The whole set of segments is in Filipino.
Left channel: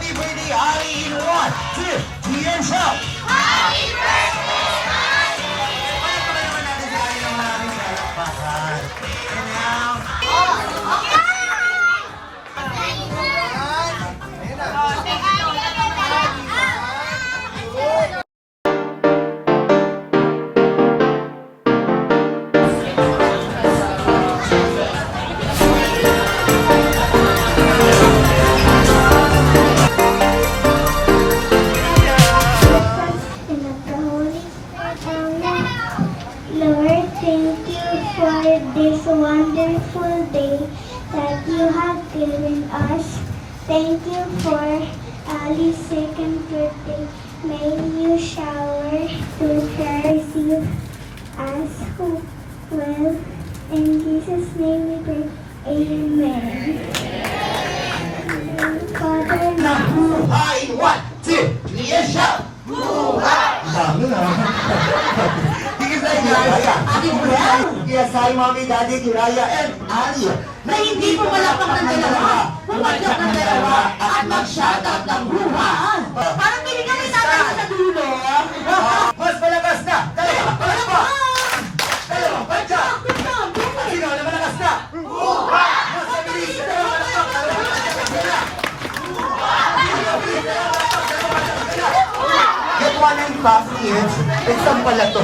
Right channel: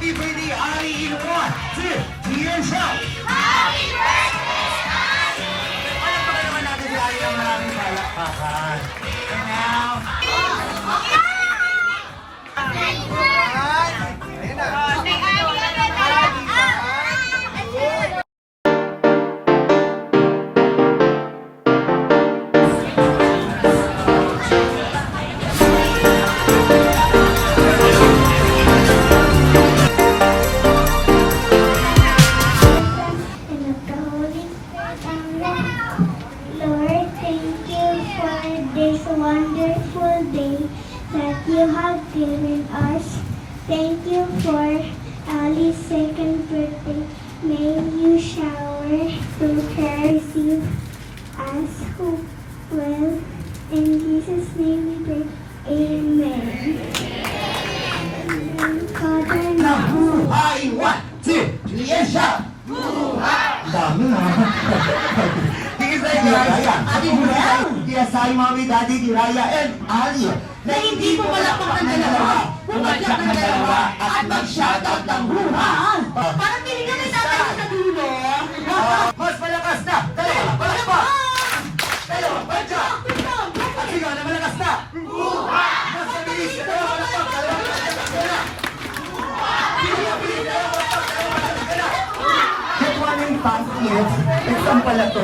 Happy birthday, Ali, in 1, 2, 3, and shout! Happy birthday, Ali! Palakpakan naman natin si Ali ng maraming palakpakan. And now... Lord, thank you for this wonderful day that you have given us. Thank you for Ali's second birthday. May you shower to her receive us who will. In Jesus' name we pray. Amen. Father, Buhay! 1, 2, 3, and shout! Buhay! Dami ha! Kaya Mami, Daddy, Kiraya, and Ali na hindi po palakpak ng dalawa, pumadyak ng dalawa at mag-shoutout ng buhay. Parang binigyan ng tatay sa dulo. Mas malakas na! Dalawa, palakpak! Dalawang padyak! Sino na malakas na? Buhay! Mas mabilis! Dalawa, palakpak! Dalawa, palakpak! Get one and fast kids. It's some pala to.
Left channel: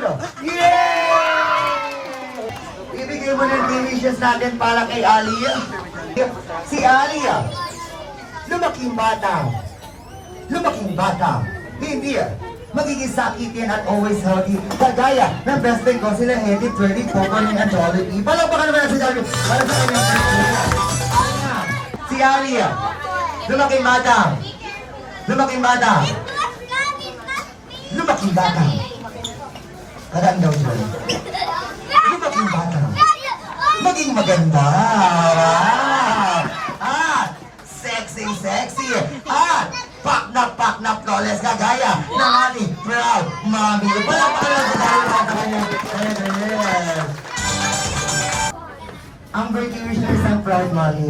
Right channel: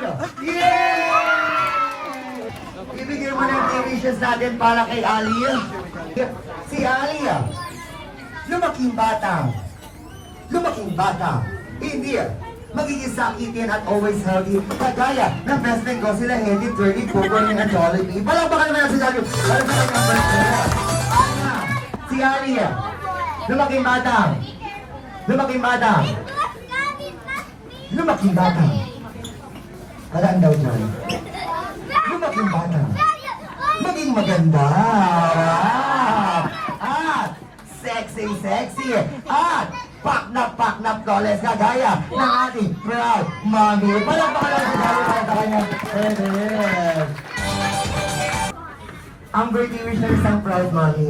No. Yeah! Ibigay mo na yung delicious natin para kay Ali. Si Ali, lumaking bata, hindi magiging sakitin at always healthy. Kagaya ng best friend ko, sila Heavy, Twirly, Coco, and Jollibee. Palakpakan naman natin si Ali para sa kanyang birthday. Si Ali, lumaking bata. Karaan daw dyan. Lumaking bata. Maging maganda. At sexy. At paknap goles kagaya ng ating proud mommy. Palakpakan natin sa dahil para sa kanyang parents. Ang birthday wish ng isang proud mommy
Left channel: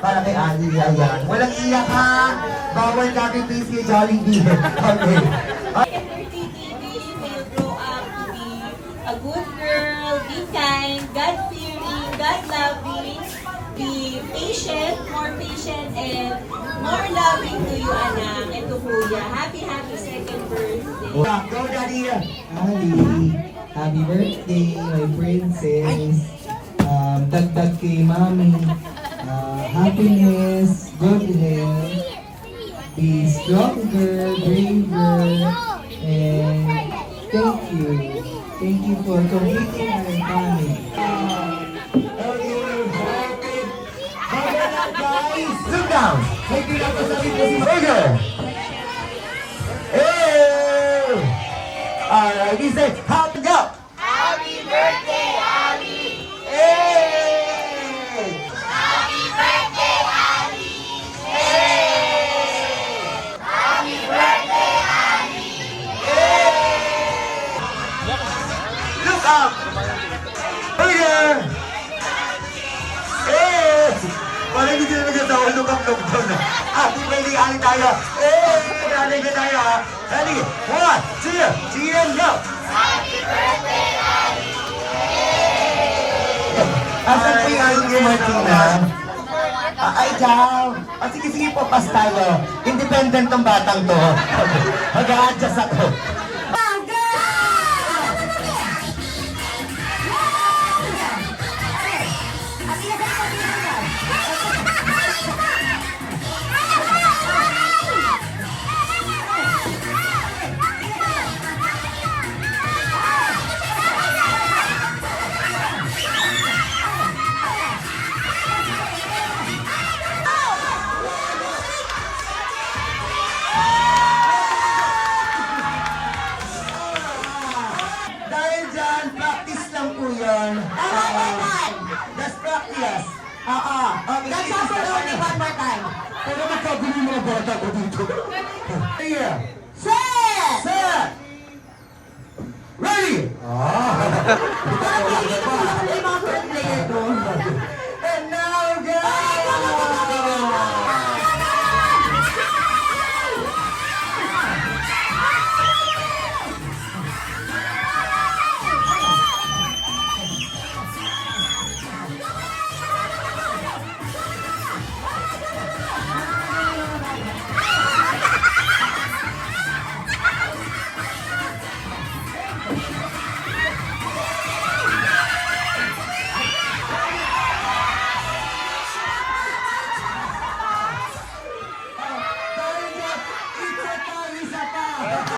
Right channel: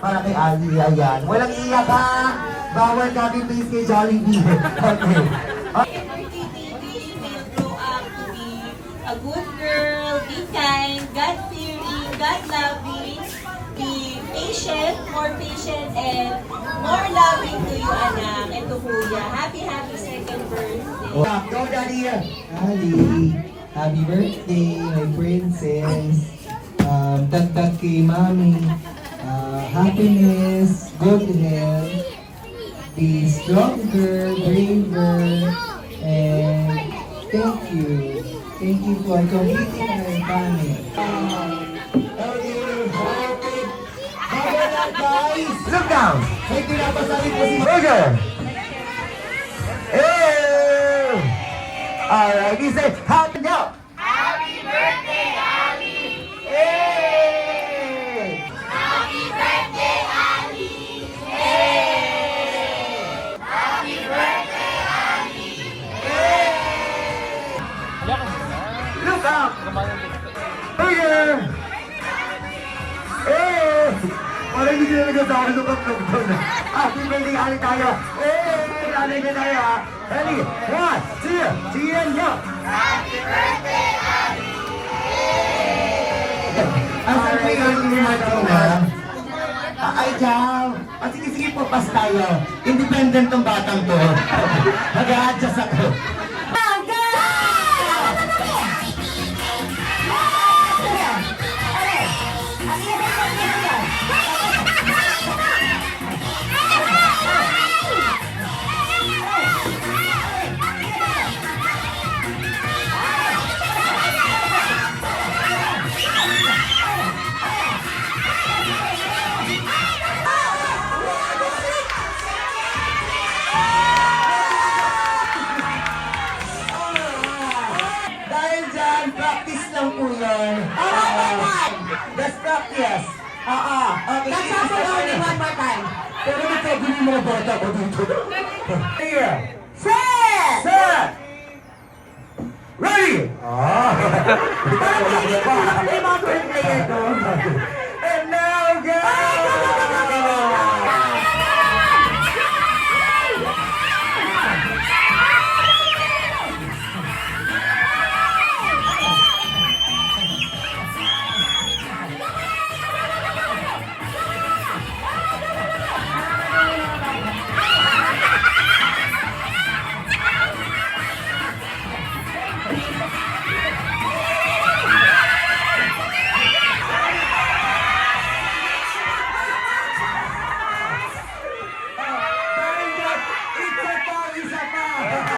para kay Ali, ayan. Walang iyak ha. Bawal copy paste kay Jollibee. Okay. A good girl, be kind, God-fearing, God-loving, be patient, and more loving to you, anak, and to Kuya. Happy second birthday. Go, Daddy. Ali, happy birthday, my princess. Dagdag kay mami. Happiness, good health, be stronger, braver, and thank you. Thank you for completing our family. Guys, look down. May pinapasabi po si Burger. Hey! Alright, he said, happy go! Happy birthday, Ali! Hey! Happy birthday, Ali! Hey! Happy birthday, Ali! Hey! Look up! Burger! Eh! Parang hindi na nagkatawa, look up, look down na. Happy birthday, Ali tayo! Eh! Ali ka tayo, ha? Ali! 1, 2, 3, and go! Happy birthday, Ali! Asan po yung Ali na? Ay, Jam! Sige po, pas tayo. Independent tong batang to. Mag-a-adjust ako. Dahil dyan, practice lang po yun. Just practice. Okay. Let's have it only one more time. Pero nagkagulo yung mga bata ko dito. Here. Set! Ready! And now go! Isa pa!